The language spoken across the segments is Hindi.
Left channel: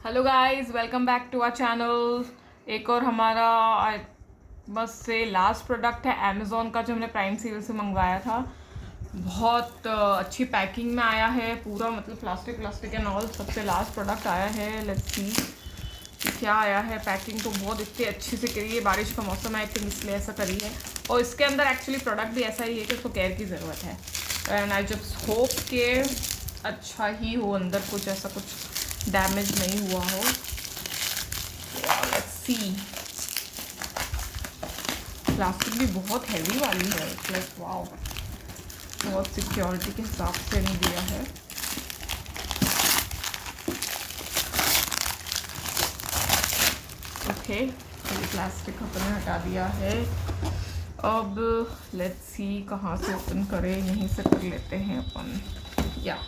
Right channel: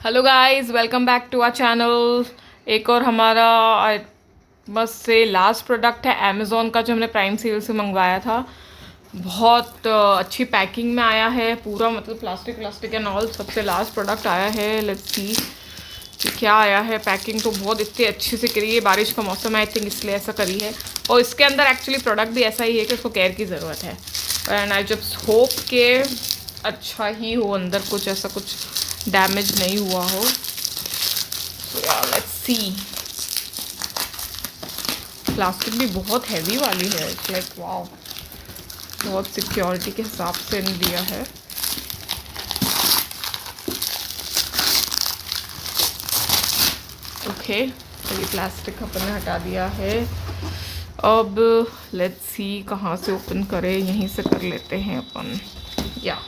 Hello guys, welcome back to our channel. एक और हमारा बस से लास्ट प्रोडक्ट है अमेज़ॉन का, जो हमने प्राइम सेल से मंगवाया था। बहुत अच्छी पैकिंग में आया है पूरा, मतलब प्लास्टिक एंड ऑल। सबसे लास्ट प्रोडक्ट आया है। लेट्स सी कि क्या आया है। पैकिंग तो बहुत इतनी अच्छे से करी है, बारिश का मौसम है आई थिंक इसलिए ऐसा करी है। और इसके अंदर एक्चुअली प्रोडक्ट भी ऐसा ही है कि उसको केयर की ज़रूरत है। एंड आई जस्ट होप के अच्छा ही हो, अंदर कुछ ऐसा कुछ डैमेज नहीं हुआ हो। So let's see. प्लास्टिक भी बहुत हैवी वाली है, इट्स लाइक वाओ, बहुत सिक्योरिटी के हिसाब से नहीं दिया है। ओके, ये प्लास्टिक अपन ने हटा दिया है। अब लेट्स सी कहाँ से ओपन करें, यहीं से कर लेते हैं अपन। या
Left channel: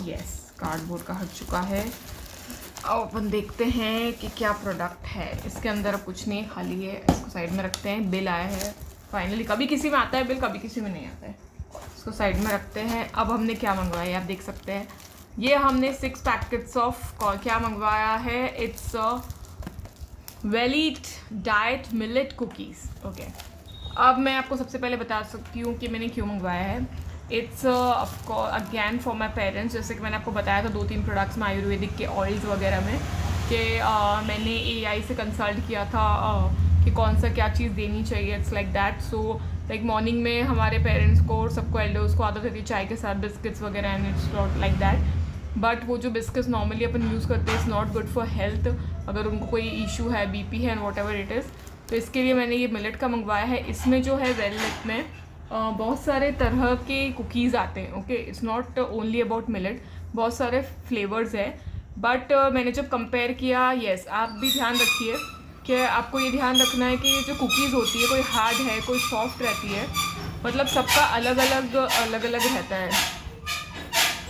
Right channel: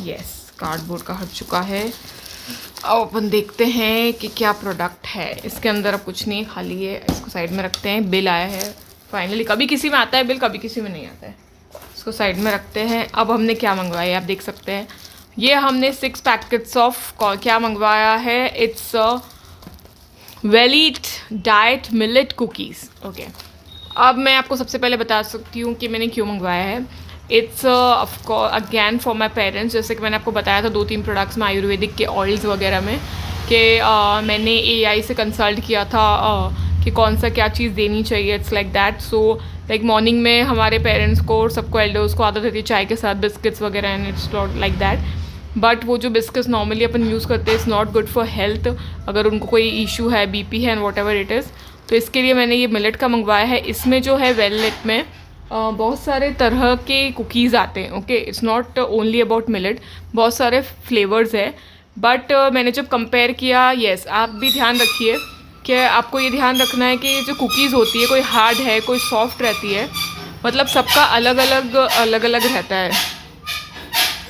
यस, कार्डबोर्ड का हट चुका है। अब अपन देखते हैं कि क्या प्रोडक्ट है इसके अंदर। अब कुछ नहीं, खाली है। इसको साइड में रखते हैं। बिल आया है फाइनली। कभी किसी में आता है बिल, कभी किसी में नहीं आता है। इसको साइड में रखते हैं। अब हमने क्या मंगवाया आप देख सकते हैं। ये हमने 6 पैकेट्स ऑफ क्या मंगवाया है। It's Velite diet millet cookies. Okay, अब मैं आपको सबसे पहले बता सकती हूँ कि मैंने क्यों मंगवाया है। It's again for my parents. जैसे कि मैंने आपको बताया था 2-3 प्रोडक्ट्स में आयुर्वेदिक के ऑयल्स वगैरह में कि मैंने एआई से कंसल्ट किया था कि कौन सा क्या चीज़ देनी चाहिए। It's like that. So like morning में हमारे पेरेंट्स को और सबको एल्डर्स को आदत होती है चाय के साथ बिस्किट्स वगैरह, and it's not like that. But वो जो बिस्किट्स नॉर्मली अपन यूज़ करते हैं it's not good for health, अगर उनको कोई इशू है, बीपी है and what ever it is. तो इसके लिए मैंने ये मिलेट का मंगवाया है। इसमें जो है वेलनेट में बहुत सारे तरह के कुकीज़ आते हैं। Okay, it's not only about millet, बहुत सारे फ्लेवर्स है। बट मैंने जब कंपेयर किया, यस आप भी ध्यान रखिए कि आपको ये ध्यान रखना है कि ये जो कुकीज़ होती है, कोई हार्ड है कोई सॉफ्ट रहती है, मतलब सबका अलग अलग रहता है।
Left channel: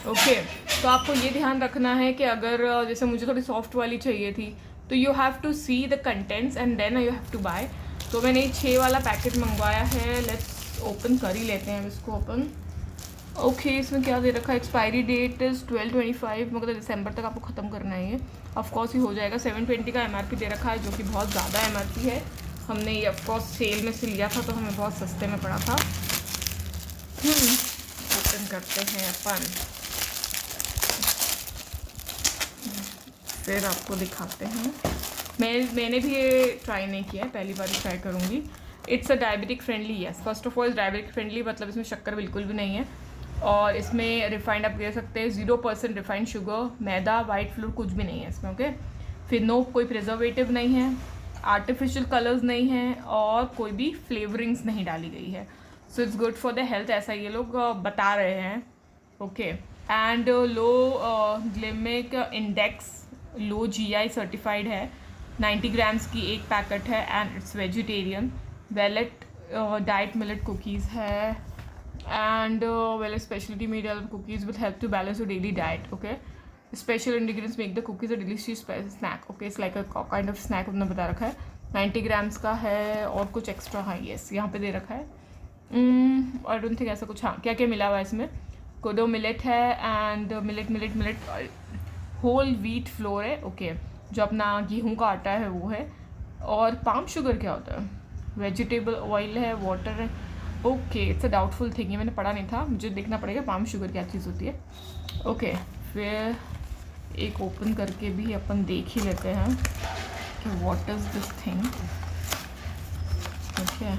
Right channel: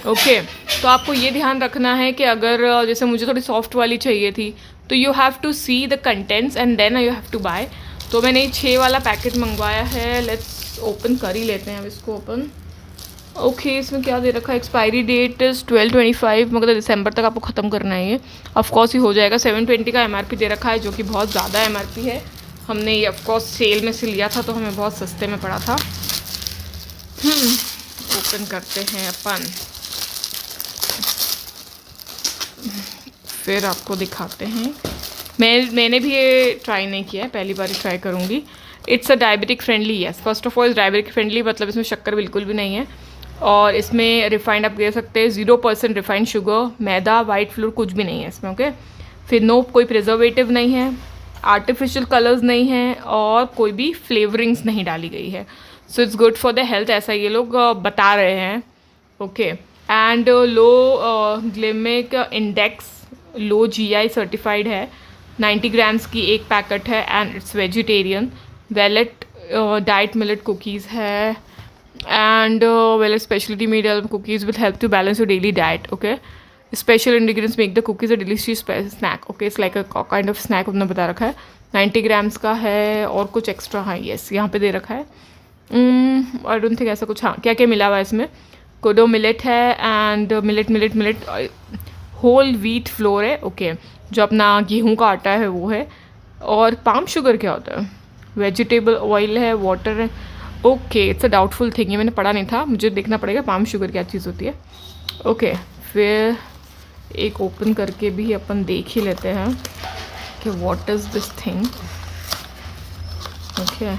ओके, तो आपको ये ध्यान रखना है कि अगर जैसे मुझे थोड़ी सॉफ्ट वाली चाहिए थी तो you have to see the contents and then you have to buy. तो मैंने ये 6 वाला पैकेट मंगवाया है। लेट्स ओपन कर ही लेते हैं अब इसको ओपन। ओके, इसमें क्या दे रखा है। एक्सपायरी डेट इज़ 12/25, मतलब दिसंबर तक आपको ख़त्म करना है ये। ऑफकोर्स ये हो जाएगा। 720 का एमआरपी दे रखा है, जो कि बहुत ज़्यादा एमआरपी है। हमने ये ऑफकोर्स सेल में से लिया था तो हमें बहुत सस्ते में पड़ा था। ओपन करते हैं अपन, फिर आपको दिखाते हैं। मैंने भी ये ट्राई नहीं किया है, पहली बार ट्राई करूँगी। It's a diabetic friendly. Yes, first of all diabetic friendly, मतलब इसमें शक्कर बिल्कुल भी नहीं है। और इसमें रिफाइंड आप दे सकते हैं 0% रिफाइंड शुगर, मैदा, वाइट फ्लोर कुछ भी नहीं है इसमें। ओके, फिर नो कोई प्रिजर्वेटिव नहीं है, आर्टिफिशियल कलर्स नहीं हैं, और कोई भी फ्लेवरिंग्स नहीं डाली गई है। So it's good for the health, ऐसा ये लोग बता रहे हैं। Okay, and low glycemic index, low GI certified है। 90 ग्राम्स की एक पैकेट है and it's vegetarian. Velet diet millet cookies है and Velet speciality made cookies will help to balance your daily diet. Okay, special ingredients make the cookies a delicious snack. Okay, it's like a kind of snack उन्होंने बता रखा है। 90 ग्राम्स का है और कुछ एक्स्ट्रा, हाँ यस यहाँ पे दे रखा है। आई डोंट थिंक ऐसा कुछ, हाँ क्या क्या मिला हुआ है इसमें। कोडो मिलेट है and millet whole wheat flour है। ओके, जो अपना गेहूं का आटा है वो है। और पाम शुगर क्या होता है, वेजिटेबल ऑयल है, वाटर है। Okay, it's a doubtful thing, ये मैंने पढ़ा नहीं था, मुझे देखना पड़ेगा पाम शुगर क्या चीज़ होती है। ओके, फिर एक ओपन करके भी अपन देख ही लेते हैं कि what is this thing. Okay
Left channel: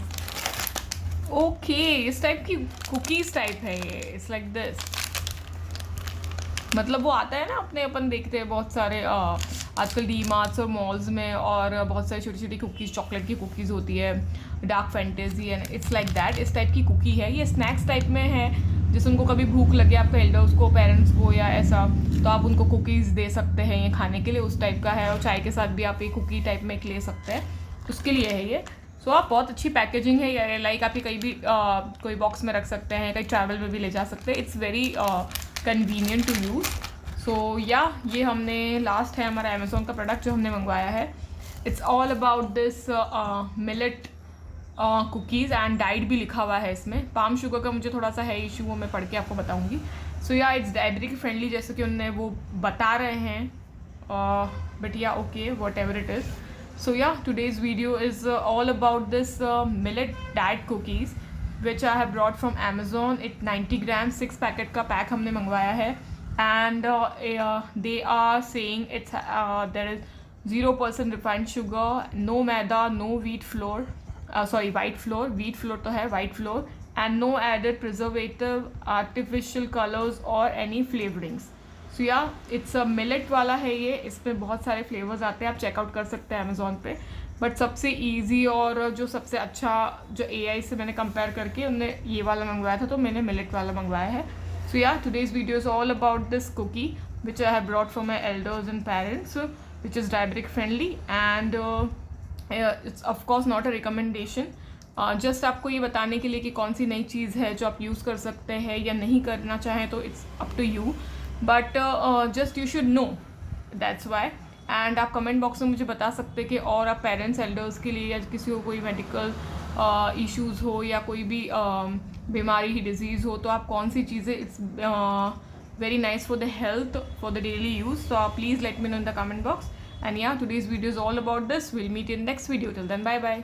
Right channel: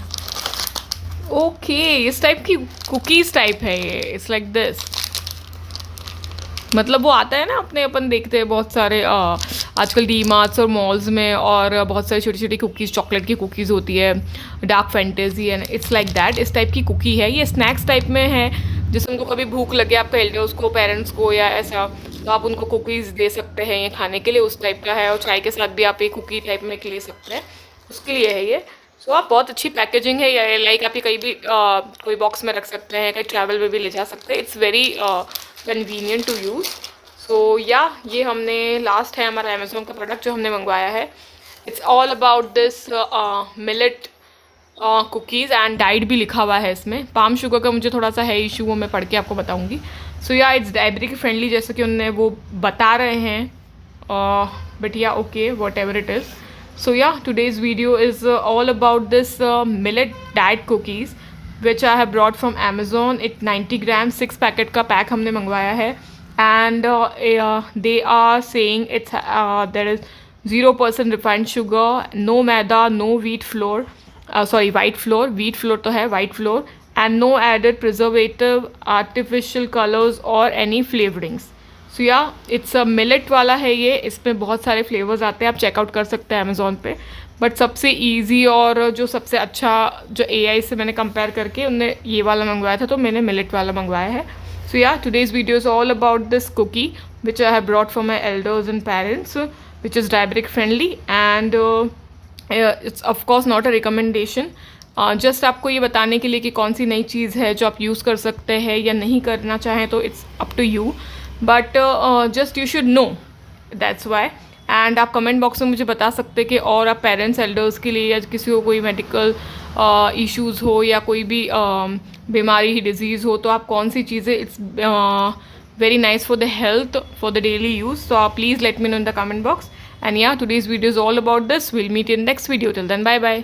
okay, इस टाइप की कुकीज़ टाइप है ये। इट्स लाइक दिस, मतलब वो आता है ना अपने, अपन देखते हैं बहुत सारे आजकल डी मार्ट्स और मॉल्स में, और बहुत सारी छोटी छोटी कुकीज़, चॉकलेट की कुकीज़ होती है, dark fantasy, and it's like that. इस टाइप की कुकी है ये, स्नैक्स टाइप में है। जैसे उनको कभी भूख लगे आपका एल्डर्स को, पेरेंट्स को या ऐसा, तो आप उनको कुकीज़ दे सकते हैं ये खाने के लिए, उस टाइप का है। और चाय के साथ भी आप एक कुकी टाइप में ले सकते हैं, उसके लिए है ये। सो आप बहुत अच्छी पैकेजिंग है ये, लाइक आप ये कहीं भी कोई बॉक्स में रख सकते हैं, कहीं ट्रैवल में भी ले जा सकते हैं। It's very convenient to use. So yeah ये हमने लास्ट है हमारा अमेज़ोन का प्रोडक्ट जो हमने मंगवाया है। It's all about this millet cookies and diet भी लिखा हुआ है इसमें। पाम शुगर का मुझे थोड़ा सा है इशू, वो मैं पढ़ के आपको बताऊंगी। सो या इट्स डायबिटिक फ्रेंडली जैसे कि उन्होंने वो बता रहे हैं, but yeah okay whatever it is. So yeah today's video is all about this millet diet cookies which I have brought from Amazon. It 90 grams 6 packet का पैक हमने मंगवाया है and they are saying it's there is 0% refined sugar, no maida, no wheat flour, sorry white flour, wheat flour तो है, white flour, and no added preservative, artificial colors or any flavorings. सो या इट्स अ मिलेट वाला है ये, इसमें बहुत सारे फ्लेवर्स आते हैं, आप चेकआउट कर सकते हैं अमेज़ॉन पे। बट सबसे इजी और जो सबसे अच्छा जो AI से मैंने कंपेयर करके उनने ये वाला मंगवाया था, तो मैंने मिलेट वाला मंगवाया है। So yeah today's video is all about this cookie which I have brought for my elders and parents which is diabetic friendly and it's of course not a recommendation, just आपको ये बताने के लिए कि कौन सी नई चीज़ है जो आप यूज़ कर सकते हैं या नहीं करना चाहें, तो it's up to you, but just you should know, that's why. And आप कमेंट बॉक्स में मुझे बता सकते हैं कि और आप पेरेंट्स एल्डर्स के लिए या किसी को कोई मेडिकल इश्यूज़ हो या कोई भी बीमारी डिजीज़ हो, तो आप कौन सी चीज़ें it's very nice for the health for the daily use. So please let me know in the comment box. And yeah today's video is all about this. Will meet in next video. Till then bye bye.